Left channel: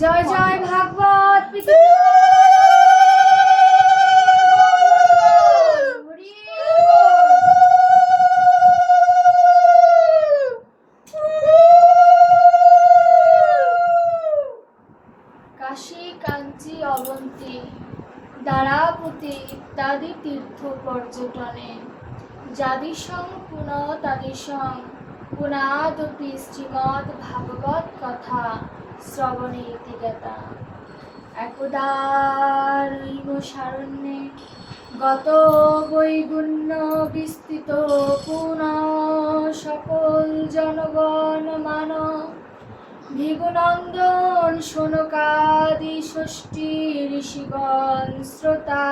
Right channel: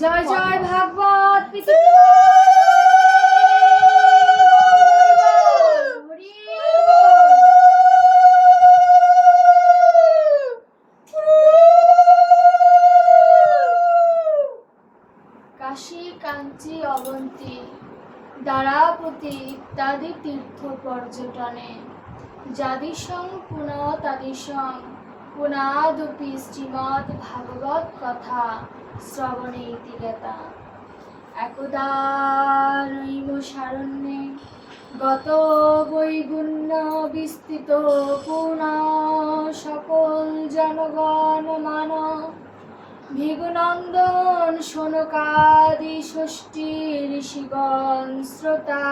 জয় জয় ভাগবত কাশী কাঞ্চি অবন্তী দ্বারাপতি ইত্যাদি তীর্থ পর্যটনে যাদিসং পুনঃ তাদিসং পুনাদপি শ্রীমদ্ ভাগবত কথা। শ্রবণে ইতি জ্ঞাতা একদা নৈম সারণ্যে গত বৈগুণ্য বিস্তৃত পুনঃ সকল জনগণ মানব ভিগুনন্দন শোনকাদি ষষ্ঠী ঋষিগণ শ্রোতা।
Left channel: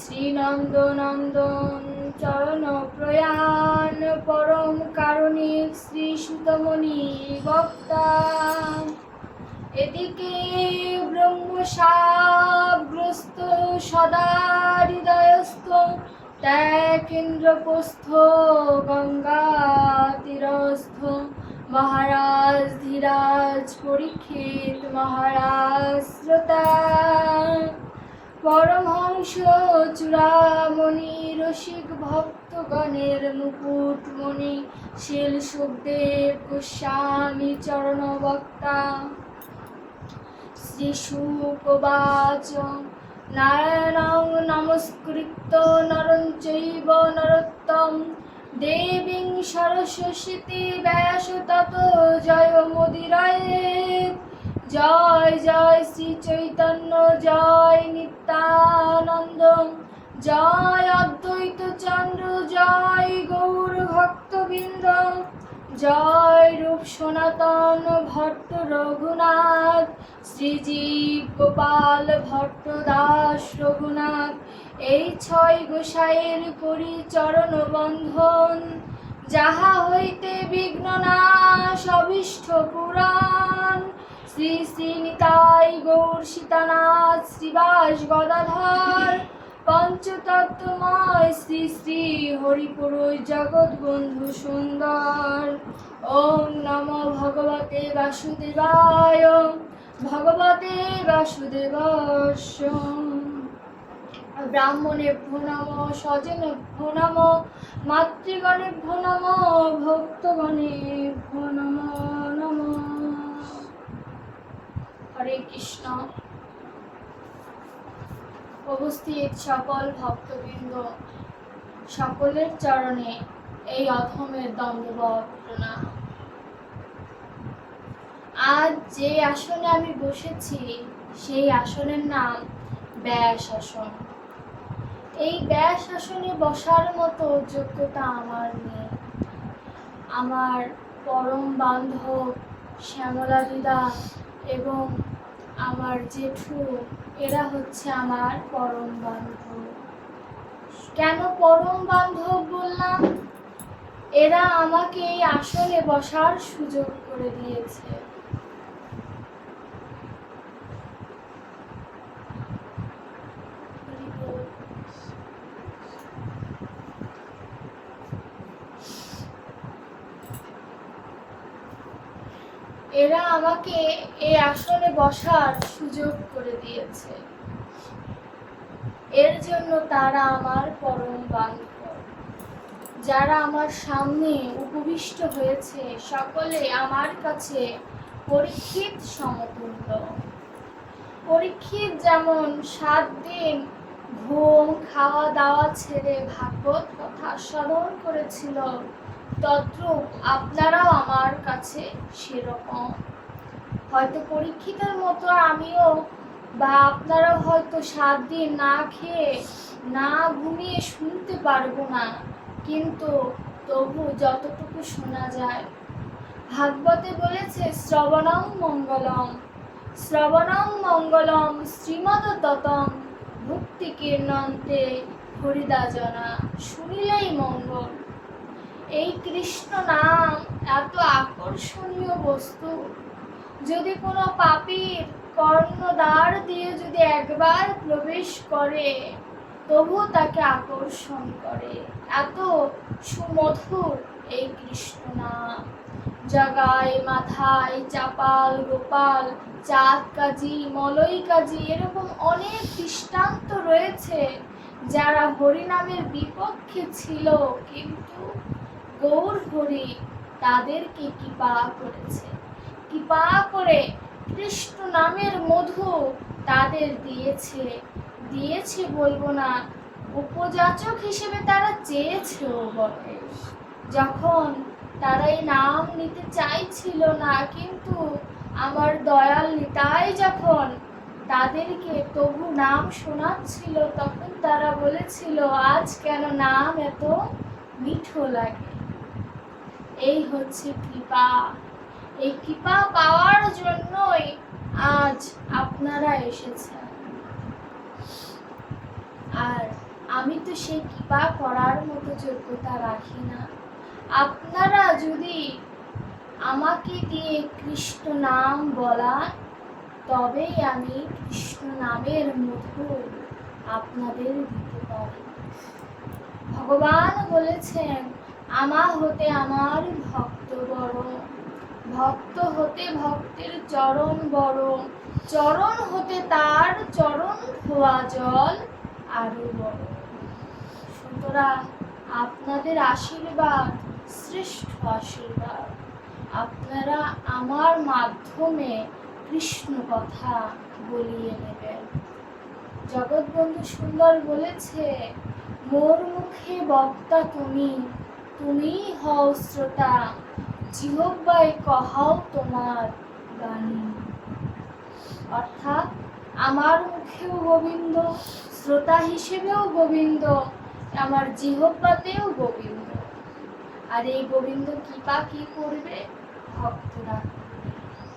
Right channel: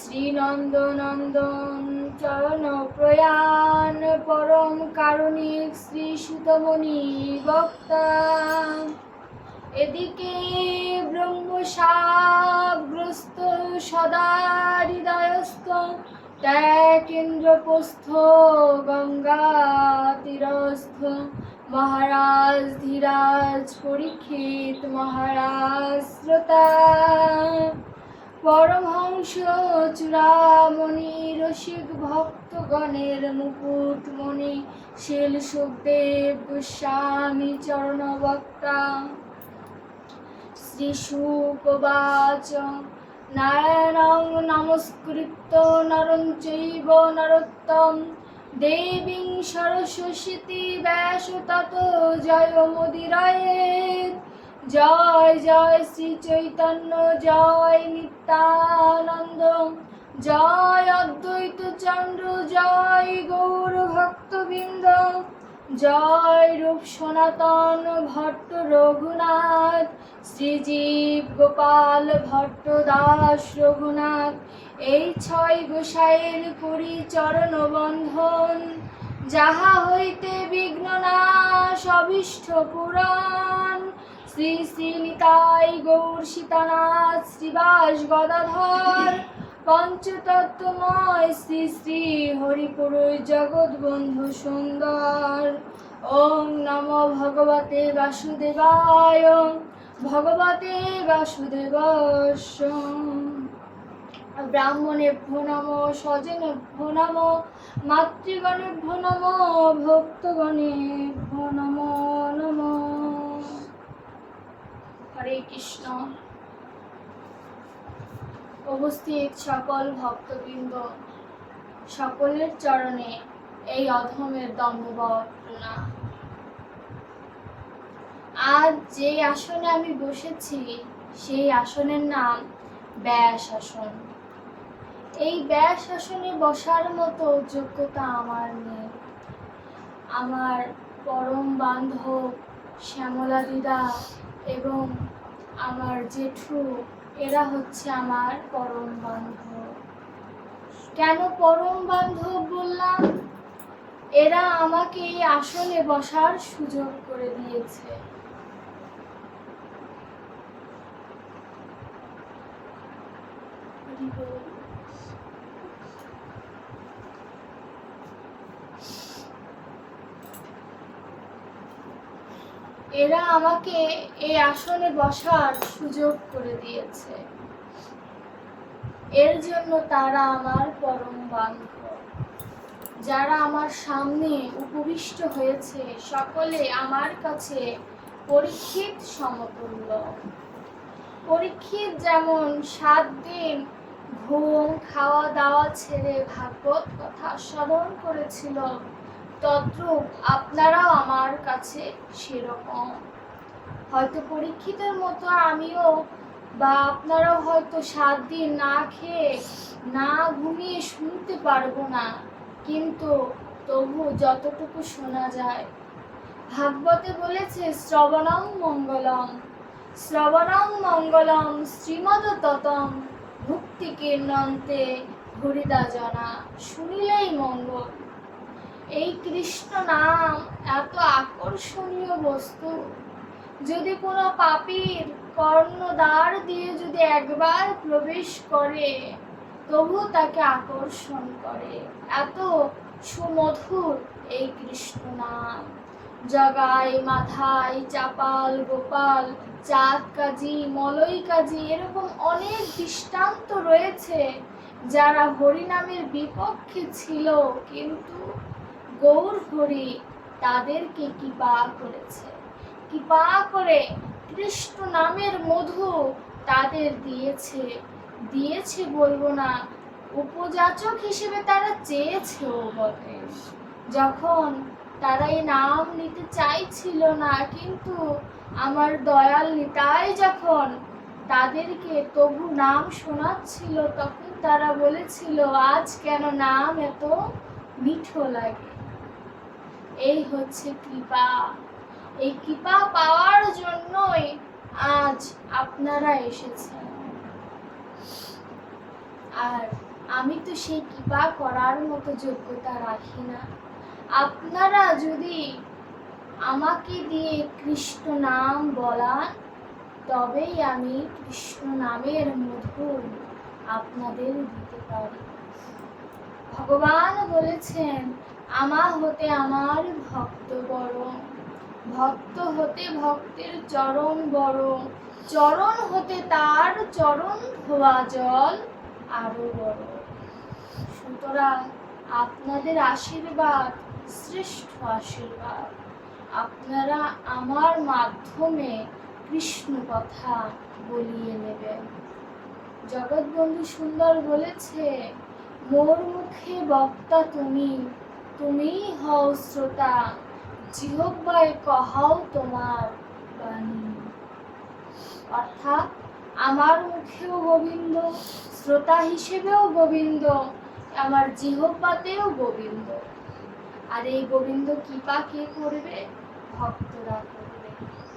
শ্রীনন্দনন্দন চরণ প্রয়াণ পরম কারণিক শ্রী সুতমণি বক্তা এদিকে ব্রহ্মসাপগ্রস্ত সদা হৃদয়স্থ ত্যাগেন্দ্রপস্থ গঙ্গা তীরস্থ মহারাজ ধীরাজ পরীক্ষিত মহারাজ শ্রোতা। পরমহংস চূড়ামণি রসিক ভক্তগণের মুকুটমণি, শিল সুখদেব গোস্বামী চরণ বক্তা শ্রী সুকবাচ নারায়ণং নমস্কৃত্য নরং চৈব নরোত্তম। দেবীং সরস্বতী ব্যাস তত জয় মোদিরায়েত জয় জয় শ্রী চৈতন্য, জয় নিত্যানন্দ, জয় অদ্বৈত চন্দ্র, জয় গৌর ভক্তবৃন্দ, জয় রূপ সনাতন ভট্ট রঘুনাথ শ্রীজীব গোপাল ভট্ট দাস রঘুনাথ, এই ছয় গোসাইয়ের করি চরণ বন্ধন, যাহা হইতে বিঘ্ন নাশ অভীষ্ট পুরাণ শ্রী শ্রী নিতাই গৌর সীতানাথ, শ্রীবাস গদাধর, পঞ্চতত্ত্বময় শ্রী শ্রী হরিপুরুষ জগৎ বন্ধু সুন্দর। ওম নমো ভগবতে বাসুদেবায় ভগবতে বাসুদেবস্য ব্রাহ্মণেভ্যো নম, স্বজনেভ্যো নম, মাতৃগণেভ্যো নম, ভক্তগণেভ্যো নম নম। হরে কৃষ্ণ। উপস্থিত সকল ভক্তবৃন্দ, সকলের চরণে এই অধমের প্রণাম। আজ যে আসনে আমি বসেছি, সেই আসনের নাম ব্যাস আসন। এই ব্যাস আসনে বসার মতো যোগ্যতা আমার নেই। আমার পরম বান্ধব শ্যামলা দিদা এবং আমার জেঠু, এরা হচ্ছে আমার পরম বান্ধব। কেন পরম বান্ধব বললাম? এরা আমাকে এই আসনে বসার সুযোগ করে দিয়েছে হরি বল। এরা আমাকে এই আসনে বসার সুযোগ করে দিয়েছে। এর জন্য তারা আমার পরম বান্ধব। যারা আমার সামনে উপবিষ্ট হয়েছে, সকলে আমার কাছে পরীক্ষিত সমতুল্য। পরীক্ষিত যেমন সাত দিন ঘুম খাওয়া দাওয়া ছেড়ে ভাগবত কথা স্মরণ করেছিল। তদ্রূপ আপনারাও আমার কাছে সেরকম। হয়তো পরীক্ষিতের মতো আমিও, বা আপনারাও হয়তো সাত দিন না খেয়ে, না ঘুমিয়ে শুনতে পারব না। কিন্তু তবু যতটুকু শোনা যায়। ভাগবতে বলেছে, শ্রবণং মঙ্গলম। শ্রবণং মঙ্গলম, শ্রীমদ ততম ভক্তি কীর্ণন্তে হরিদা জনা, শুনিলেই মঙ্গল। এই কৃষ্ণ নাম এত আকর্ষণীয় বস্তু। যদি কোনো পাপীর কর্ণদ্বার দিয়ে যদি একবার প্রবেশ করে, তবু তাকে আকর্ষণ করে। এত সুমধুর এই কৃষ্ণ নাম। জগাই মাথায়, চাপাল, গোপাল, চাঁদ কাজী মলই কাজী এরকম অনেক দৃষ্টান্ত রয়েছে যারা হরিনামের বিপক্ষে ছিল। কিন্তু গৌর হরি তাদেরকে কৃপা করেছে। কৃপা করে কৃষ্ণ নামের মধু তাদের দিয়েছে। দিয়েছে বলব না, উপযাচক হিসেবে তারা চেয়েছেও বটে। যখন তারা এই নাম নিতে চাইছিল না, কিন্তু আমার দয়াল নিতাই যখন তাদেরকে তবু নাম শোনাচ্ছিল, তখন তারা বলেছিল, আজ কেন নাম এত মিঠো লাগে? এই হচ্ছে কৃপা। এই কৃপা পাওয়ার জন্যই আজ আপনারা এসেছেন। আর আমি তো সেই কৃপা করার মতো যোগ্যতা রাখি না। আপনারা যদি আমাকে দিয়ে কৃষ্ণ নাম বলান, তবেই আমি কৃষ্ণ নামের মধু আপনাদের দিতে পারি। ভগবান বলেছেন, আমা হতে আমার ভক্ত বড় ভক্ত হতে ভক্তের চরণ বড় চরণ হতে তার চরণ ধোয়া জল আরও বড় সুতরাং আপনাদের আশীর্বাদ শ্রেষ্ঠ আশীর্বাদ। আপনারা আমার মাধ্যমে কৃষ্ণ কথা বলিয়ে নেবেন। জগৎবন্ধু সুন্দর বলেছে, মোর মুখে বক্তা তুমি তুমি হও শ্রোতা। জিহব্বায় কহাও তোমার বাণী। অর্থাৎ আমার মুখেও গোবিন্দ, শ্রোতা হিসেবেও গোবিন্দ, আমার জিহব্বাতেও গোবিন্দ। আর এই গোবিন্দ কৃপা কে করবে? ভক্তরা করবে।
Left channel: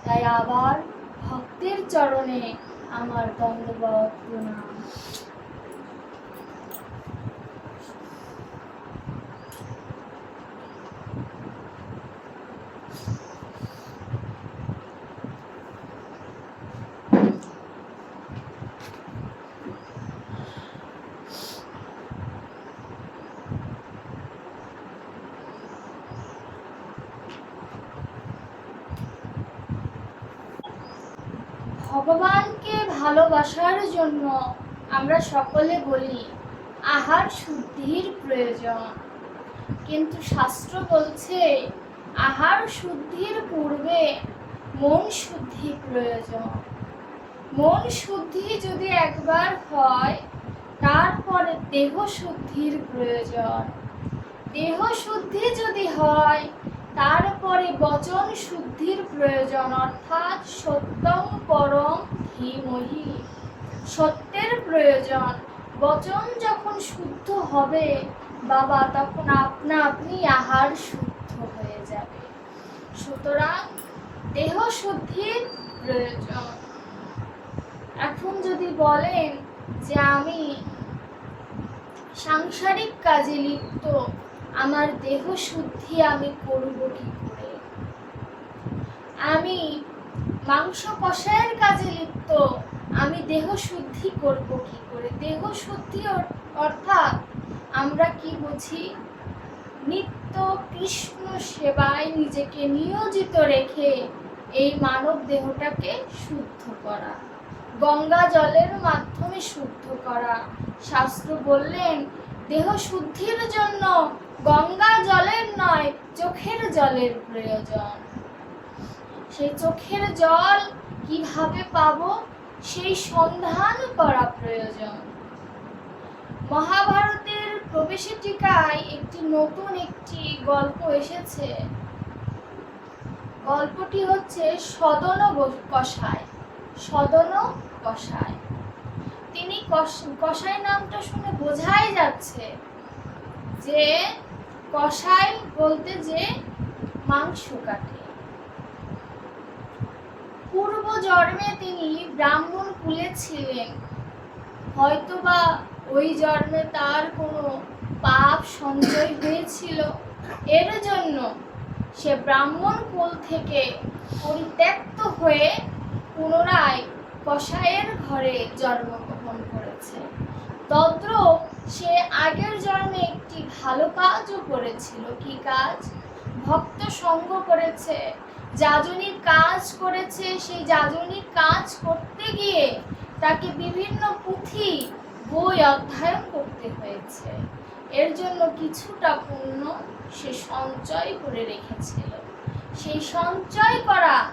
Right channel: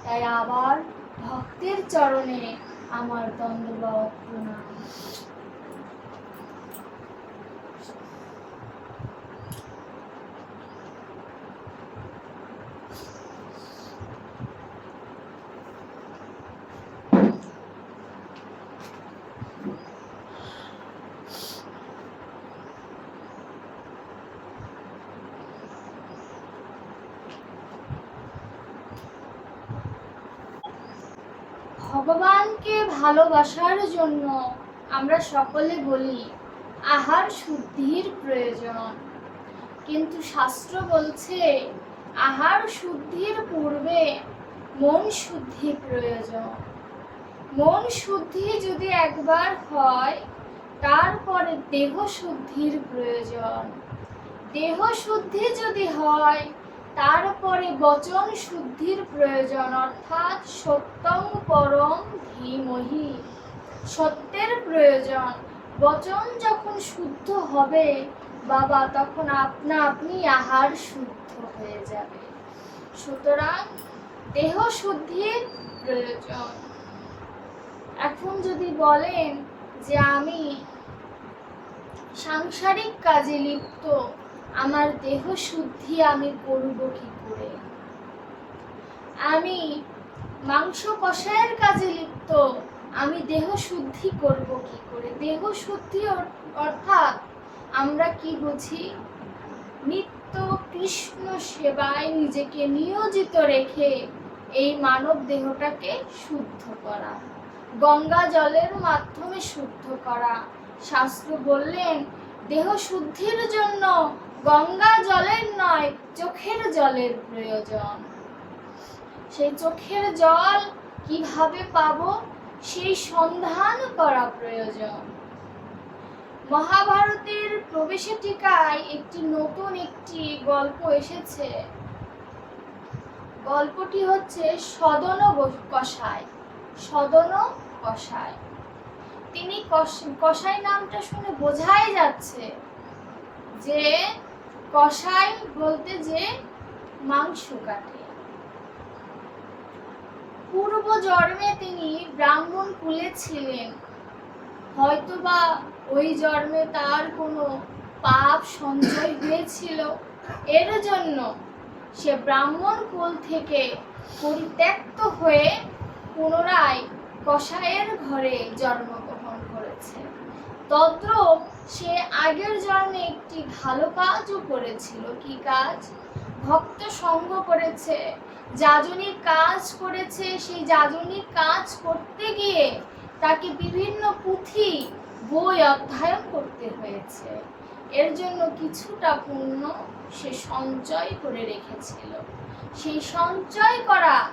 তাই আবার ভক্তের চরণে আমার দণ্ডবত প্রণাম। ভগবানকে ভালোবাসার জন্য আমরা সকলে বলি, আহার শুদ্ধির প্রয়োজন। কিন্তু শাস্ত্র বলছে, আহার শুদ্ধির পূর্বে মন শুদ্ধি প্রয়োজন। মন শুদ্ধি যদি একবার হয়, তারপরে দেহ শুদ্ধির প্রয়োজন। দেহ শুদ্ধি যদি হয় তারপরে বচন শুদ্ধির প্রয়োজন, অর্থাৎ সত্যং পরম ধীমহি। সত্যের প্রয়োজন, বচন যখন শুদ্ধ হবে, বাবা, তখন আপনা আপনি আহার শুদ্ধ হয়ে যাবে। সুতরাং দেহ শুদ্ধির প্রয়োজন। এখন যদি বলেন যে আমি সাংসারিক কাজে লিপ্ত আমার দেহ শুদ্ধি আমি করব কি করে? আমি মাংস কষায়ের কাজে লিপ্ত, আমি দেহ শুদ্ধি করব কি করে? দেহ শুদ্ধি অর- অর্থাৎ আমরা কি বুঝি? নিত্য কৃষ্ণ সেবায় নিজেকে নিয়োজিত রেখে এই মানব দেহটাকে শুদ্ধ করা, গঙ্গা জলের মাধ্যমে শুদ্ধ করা। শাস্ত্র বললেন, দেহ শুদ্ধির জন্য গঙ্গা জলের নয়, চোখের জলের প্রয়োজন। সেই চোখের জল কীভাবে পাবো? সেই সন্ধান করা প্রয়োজন। মহাভারতের প্রবেশে টিকায় একটি নতুন একটি গল্প এসেছে। গল্পটি হচ্ছে সদন কষায় সদন কষায় তিনি কষ- কষাই নামটা শুনে বোঝাই যাচ্ছে যে কষাই বলতে যে মাংস কাটে। পূর্ব জন্মে তিনি ব্রাহ্মণ কুলে ছিলেন। হয়তোবা ওই জন্মে তার কোনো পাপ সঞ্চয় হয়েছিল। এর জন্য সে ব্রাহ্মণ কুল থেকে পরিত্যক্ত হয়ে পুনরায় কসাইয়ের ঘরে জন্মগ্রহণ করেছে। তদ্রূপ সে আগের জন্মে একটি ভালো কাজও করেছিল। কি কাজ? ভক্ত সঙ্গ করেছে। যাজনীর কাজ করেছে। সেই যাজনীর কাজ করতে গিয়ে তাকে বিভিন্ন পুঁথি, বই অধ্যয়ন করতে হয়েছে। এর জন্য কিছুটা পুণ্য সে সঞ্চয় করে রেখেছিল। সেই সঞ্চয় করা,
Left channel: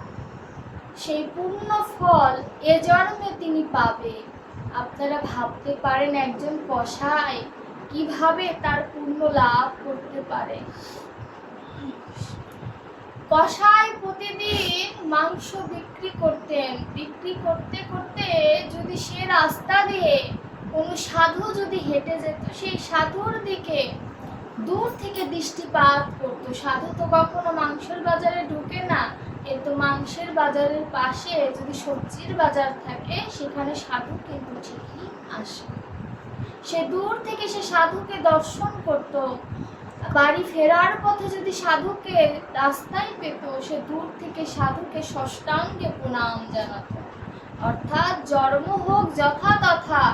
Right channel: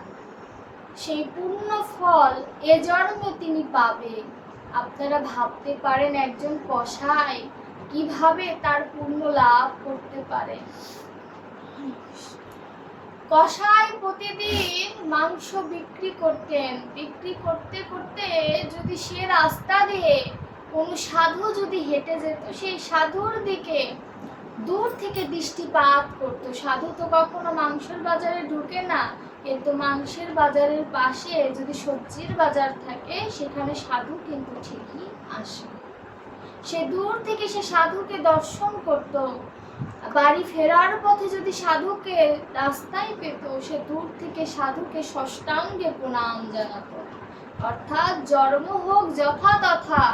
সেই পূর্ণ ফল এ জন্মে তিনি পাবে আপনারা ভাবতে পারেন একজন কসাই কীভাবে তার পূর্ণ লাভ করতে পারে। কসাই প্রতিদিন মাংস বিক্রি করতেন। বিক্রি করতে করতে যদি সে রাস্তা দিয়ে কোনো সাধু যদি হেঁটে যেত, সেই সাধুর দিকে দূর থেকে দৃষ্টিপাত করতো। সাধু তো কখনো মাংসের বাজারে ঢুকে না। কিন্তু মাংসের বাজারের পাশে যদি সবজির বাজার থাকে, সেখানে সাধু কিন্তু ঠিকই আসে। সে দূর থেকে সে সাধুকে দর্শন করত। বাড়ি ফেরার পথে যদি সাধুকে রাস্তায় পেত, সে দূর থেকে সাধুকে ষষ্ঠাঙ্গে প্রণাম জানাত। অর্থাৎ জন্ম হোক যথাতথা,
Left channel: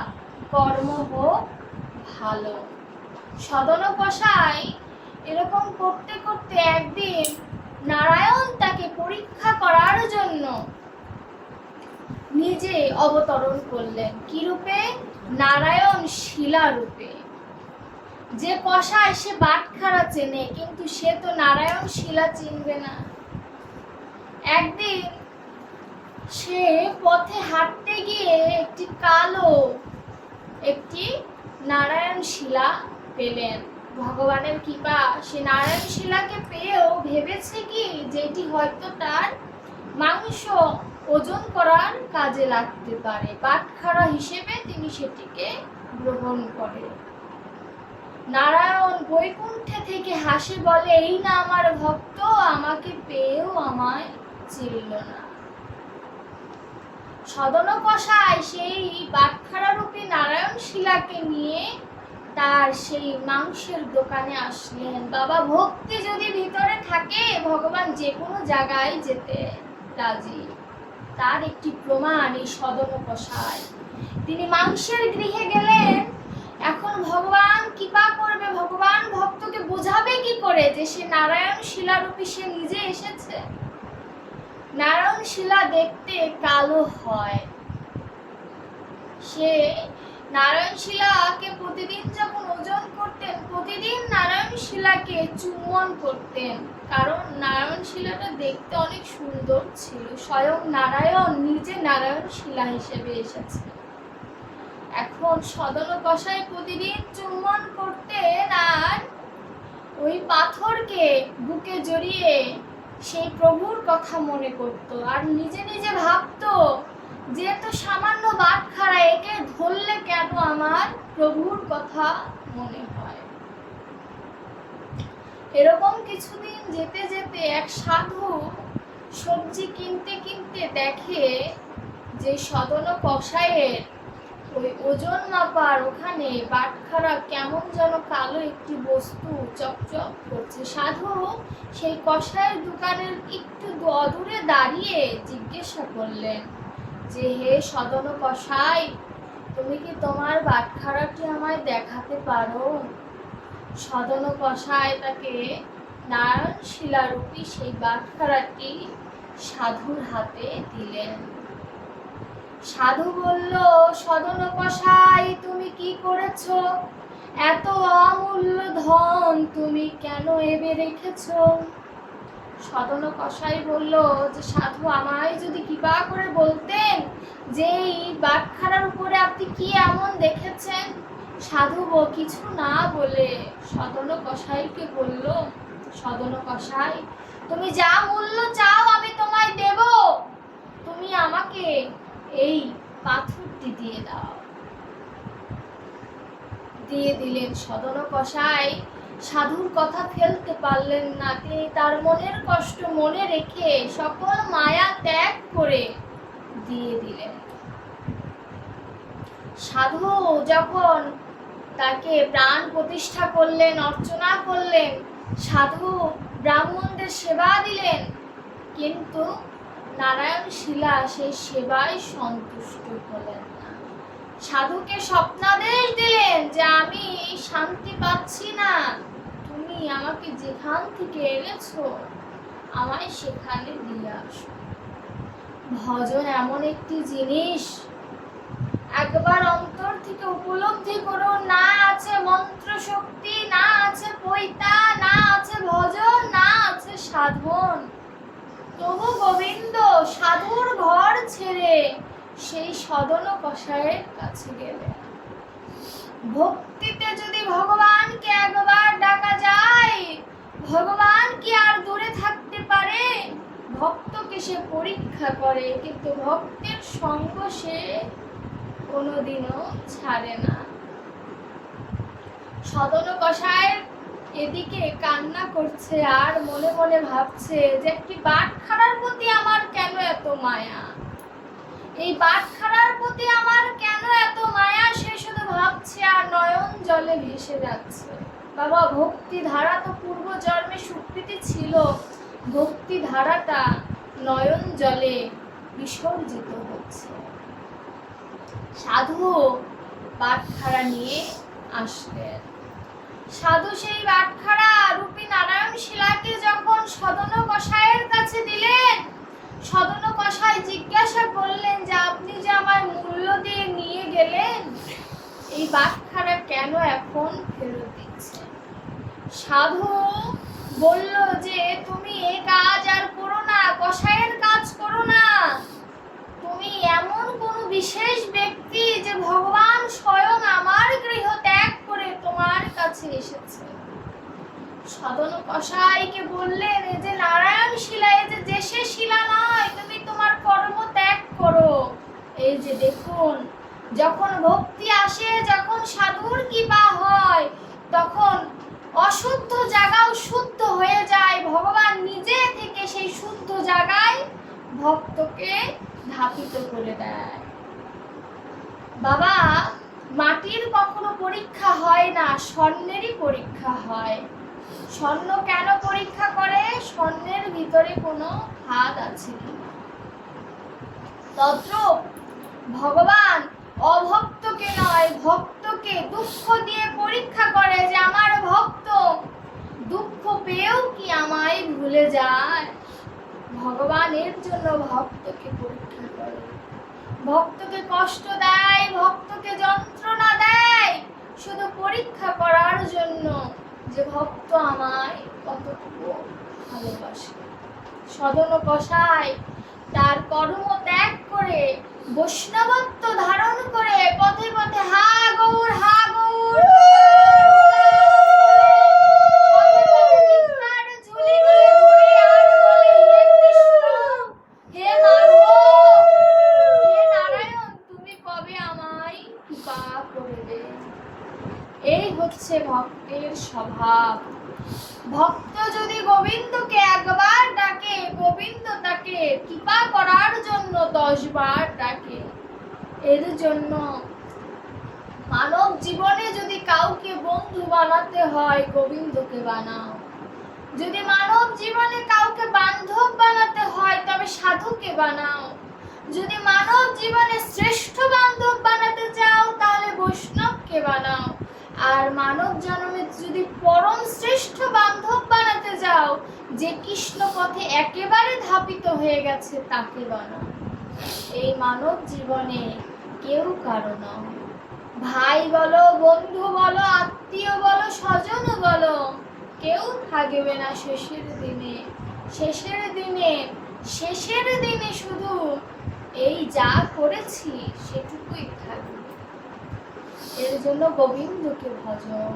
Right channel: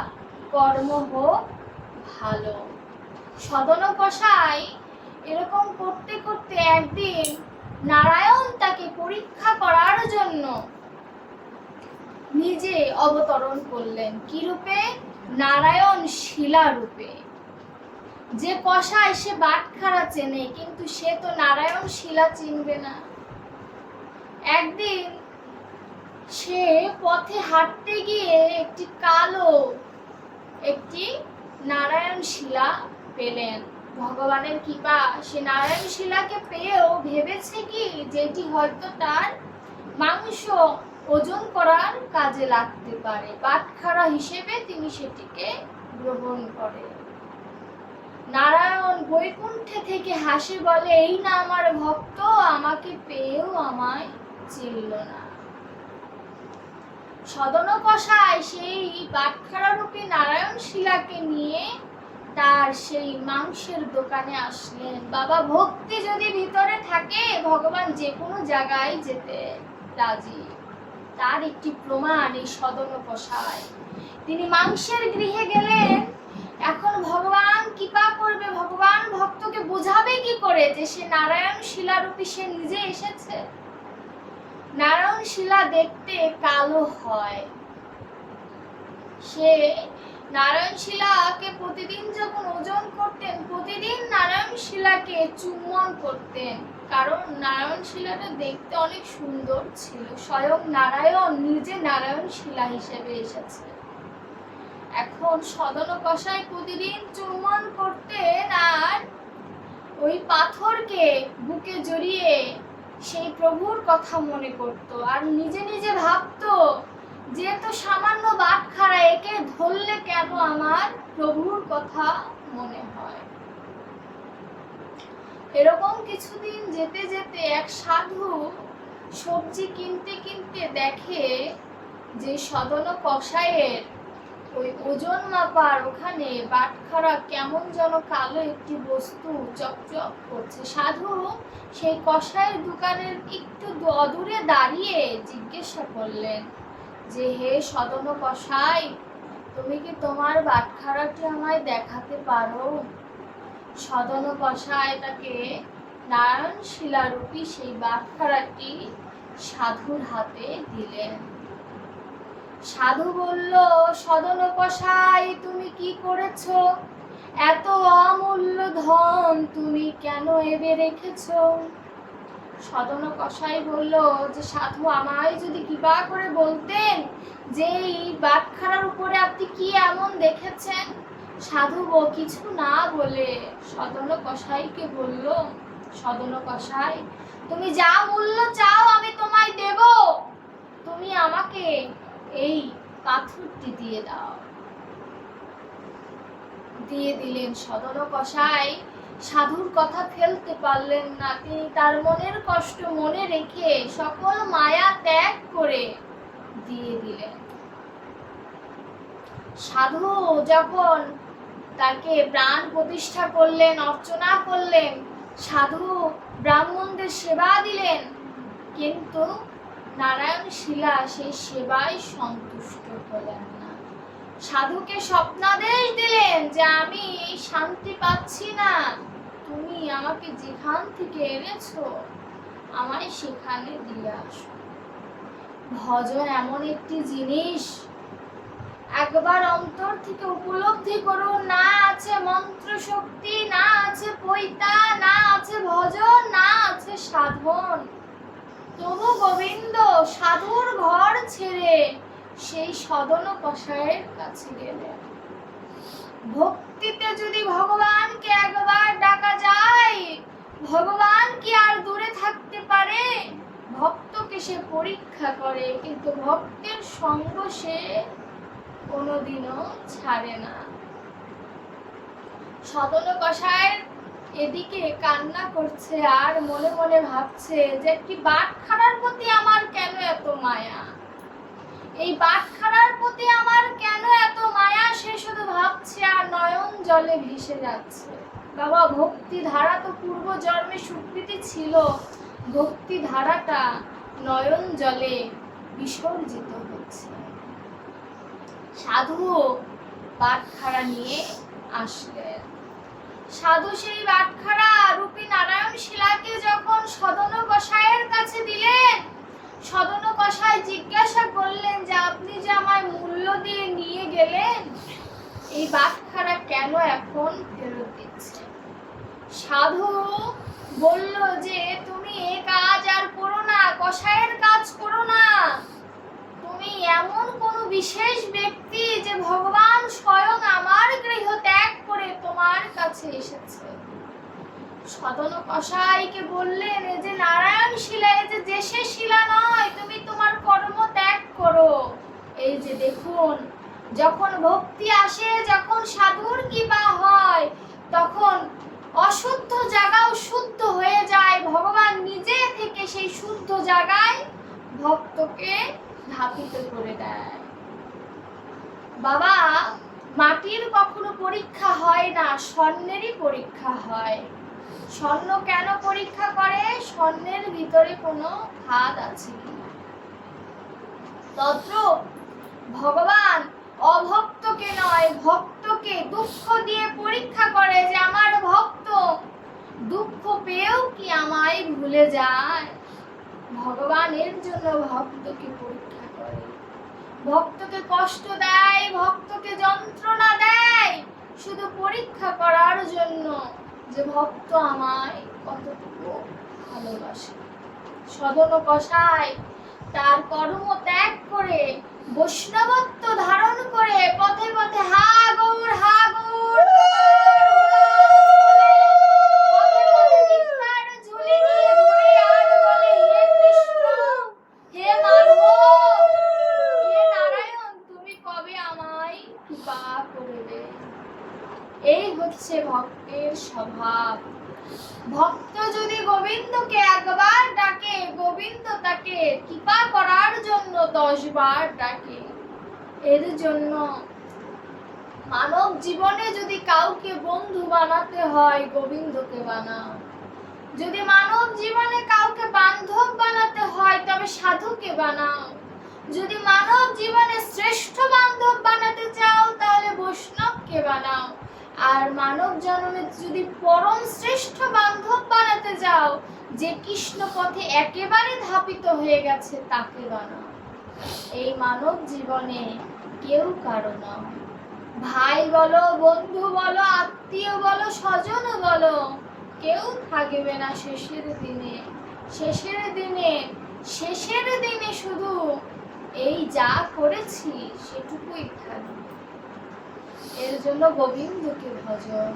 কর্ম হোক ভালো। সদন কষাই এরকম করতে করতে একদিন নারায়ণ তাকে পরীক্ষা করার জন্য নিজে অবতরণ করলেন। কি রূপে? নারায়ণ শিলা রূপে। যে কষায় সে বাটখারা চেনে, কিন্তু সে তো নারায়ণ শিলা চিনবে না। একদিন সে পথে হাঁটতে গিয়ে একটি কালো, একটি নারায়ণ শিলা পেলেন। ভগবানের কৃপা। সে নারায়ণ শিলাকে পেয়েও ভেবেছে কি, যেটি হয়তো তার মাংস ওজন করার কাজে লাগতে পারে। বাটখারা হিসেবে তিনি সেটিকে গ্রহণ করে নারায়ণ বৈকুণ্ঠে থেকে হাসি বলে, এই না আমার ভক্ত, আমাকে পেয়েও আমায় চিনল না। সদন কষায় সেই বাটখারারূপী নারায়ণ শিলাকে নিয়ে তার সেই মাংসের দোকানে আসলেন। বাবা ভক্তি যদি ভিতরে থাকে, ভগবান যে কোনো জায়গায় যেতে রাজি। তার একটি প্রমাণ এই সদন কষায়। তিনি মাংসের গৃহে গেলেন। এখন ভগবান কৃপা করবে। ভগবান ভক্তকে বোঝাবে কি করে যে সে নারায়ণ শিলারূপী সে নিজে এসেছে? নারায়ণ শিলা দেখতে কালো হয়। সে নারায়ণ শিলাকে প্রতিদিন যখন ওজন করতেন, প্রতিদিন নারায়ণ শিলাকে চুম্বন করতেন। কারণ নারায়ণ শিলাটা দেখতে অনেক সুন্দর ছিল। স্বয়ং নারায়ণ নিজে নারায়ণ শিলা হিসেবে এসেছে। এখন সদন কষাই প্রতিদিন চুম্বন করতেন আর ওই পাথরকে বুকে জড়িয়ে সেই প্রভুর কথা মনে করত। আর নিজে নিজে ভাবতো যে তো সামান্য বাট খাড়া একে ধরলে কেন আমার প্রভুর কথা মনে হয়? এরকম কিছুদিন যেতে যেতে এক সাধু সবজি কিনতে কিনতে দেখে যে সদন কষায়ের ওই ওজন মাপার ওখানে বাটখারা কেমন যেন কালো একটি বস্তু চকচক করছে। সাধু সেই কষায়ের দোকানের একটু অদূরে দাঁড়িয়ে জিজ্ঞাসা করলেন যে হে সদন কষাই তুমি কি তোমার বাটখারাটি আমায় দেখাতে পারো? সদন কষায় তাকে নারায়ণ শিলারূপী সেই বাটখারাটি সাধুর হাতে দিলেন। সাধু বলল, সদন কষাই তুমি কি করেছ? এত অমূল্য ধন তুমি কেন এবে রেখেছো? সদন কষাই বলল যে, সাধু আমায় যদি কৃপা করে বলতেন যে, এই বাটখারার উপরে আপনি কি এমন দেখেছেন? সাধু কিছু না বলে। সদন কষাইকে বলল সদন কষাই তুমি যা মূল্য চাও আমি তোমায় দেব। তুমি আমাকে এই পাথরটি দিয়ে দাও। দিয়ে দিলেন সদন কষাই সাধুর কথা ফেলতে পারলেন না। তিনি তার মনের কষ্ট মনে রেখে সকল মায়া ত্যাগ করে দিয়ে দিলেন। সাধু যখন তাকে প্রাণ প্রতিষ্ঠা করলেন, অর্চনা করলেন, সাধু ব্রাহ্মণদের সেবা দিলেন, কিন্তু নারায়ণ শিলা সেই সেবায় সন্তুষ্ট হলেন। না সাধুকে স্বপ্নাদেশ দিলেন যে আমি শান্তি পাচ্ছি না। তুমি আমাকে যেখান থেকে এনেছো, আমায় সেখানে দিয়ে আসো। ভজন এমন একটি জিনিস। একবার অন্তর থেকে উপলব্ধি করো না আছে মন্ত্র শক্তি না আছে পৈতা, না আছে ভজন, না আছে সাধন। তবু গোবিন্দ, সাধুর ঘর ছেড়ে সেই সদন কষায়ের কাছে গেলে। ভক্তিতে যদি ভগবানকে একবার ডাকা যায়, ভগবান কি আর দূরে থাকতে পারে? ভক্তকে সে পরীক্ষা করে, কিন্তু ভক্তের সঙ্গ সে কোনোদিনও ছাড়ে না। সদন কষায়ের এদিকে কান্না করছে আর মনে মনে ভাবছে যে একটি বাটখারার প্রতি আমার কেন এত মায়া? এই বাটখারার প্রতি আমার কেন এত মায়া? সে শুধু ভাবছে আর নয়ন জলে ভেসে যাচ্ছে। বাবা ভক্তি ধারা তো পূর্ব জন্মে সুকৃতি ছিল। ভক্তি ধারাটা নয়ন জলে বিসর্জিত হচ্ছে। সাধু বাটখারা নিয়ে আসলেন। সাধু সেই বাটখারা রূপী নারায়ণ শিলাকে যখন সদন কষায়ের কাছে দিলেন সদন কষায় জিজ্ঞাসা করলেন যে, আপনি যে আমায় মূল্য দিয়ে নিয়ে গেলেন, এই কেন এখন ফেরত দিচ্ছে সাধু বলল যে, তুমি এ কাজ আর করো না কষায়ের কাজ করো না। তুমি এমন কোনো বিশেষ ব্যক্তি যে ভগবান স্বয়ং আমার গৃহ ত্যাগ করে তোমার কাছে এসেছে? সদন কষাইকে বললেন যে নারায়ণ শিলা এই যে দেশে শিলা নয় তুমি তোমার কর্ম ত্যাগ করো এই যে দেখুন যখন ভক্তি আসে, যখন সাধুর কৃপা হয়, তখন অশুদ্ধ জায়গাও শুদ্ধ হয়ে যায়। ভগবান নিজে থেকে সেই শুদ্ধ জায়গায় ভক্তকে ধাপিত করে দেয়। বাবা, মাটির কখনো পরীক্ষা হয় না, স্বর্ণেরই পরীক্ষা হয়। স্বর্ণ কেন পরীক্ষা করে? স্বর্ণের ভিতরে কোনো খাদ আছে কিনা? তদ্রূপ ভগবান অভক্তকে নয়, ভক্তকে দুঃখ দিয়ে পরীক্ষা করে যে আমার ভক্ত। দুঃখ পেয়েও কি আমায় ভুলে যায়? ভগবানের জন্য ভক্তকে পরীক্ষা করে। ভক্তকে কষ্ট দেয়, ভক্তকে যন্ত্রণা দেয়, শুধু পরীক্ষা করার জন্য যে ভক্ত আমায় কতটুকু ভালোবাসে। সদন কষায় তার কর্ম ত্যাগ করে বৈষ্ণবত্ব ধারণ করে পথে পথে হা গৌর হা গৌর পথে পথে ভিক্ষার ঝুলি নিয়ে ঘুরে আর বলে, "হে কৃষ্ণ, হে মাধব, হে নারায়ণ, তুমি কবে আমায় কৃপা করবে এই হচ্ছে ভক্তের স্বভাব ভক্ত যদি গোবিন্দকে একবার ডাকে গোবিন্দ তাকে কৃপা করার জন্য দশ বার ডাকে এর জন্য মানব জীবনে কাউকে বন্ধু বানাতে হয়, গোবিন্দকে বানাও যদি মানব জীবনে কাউকে বান্ধব বানাতে হয়, তবে সাধুকে বানাও। যদি মানব জীবনে শ্রেষ্ঠ বান্ধব বানাতে চাও, তাহলে বৈষ্ণবকে বানাও। আর মানব জন্মে যদি পরম শ্রেষ্ঠ বান্ধব বানাতে যাও, যে কৃষ্ণ পথে একেবারে ধাপিত হয়ে গেছে, তাকে বানাও। এই মানব জীবনে কেউ কারও নয়। ভাই বলো, বন্ধু বলো, আত্মীয় বলো, স্বজন বলো, কেউ থাকবে না শেষের দিনে। শেষের দিনে শেষের দিনে শুধু এই যা করেছি সেটুকুই থাকবে। এর জন্য গোবিন্দকে ভজন।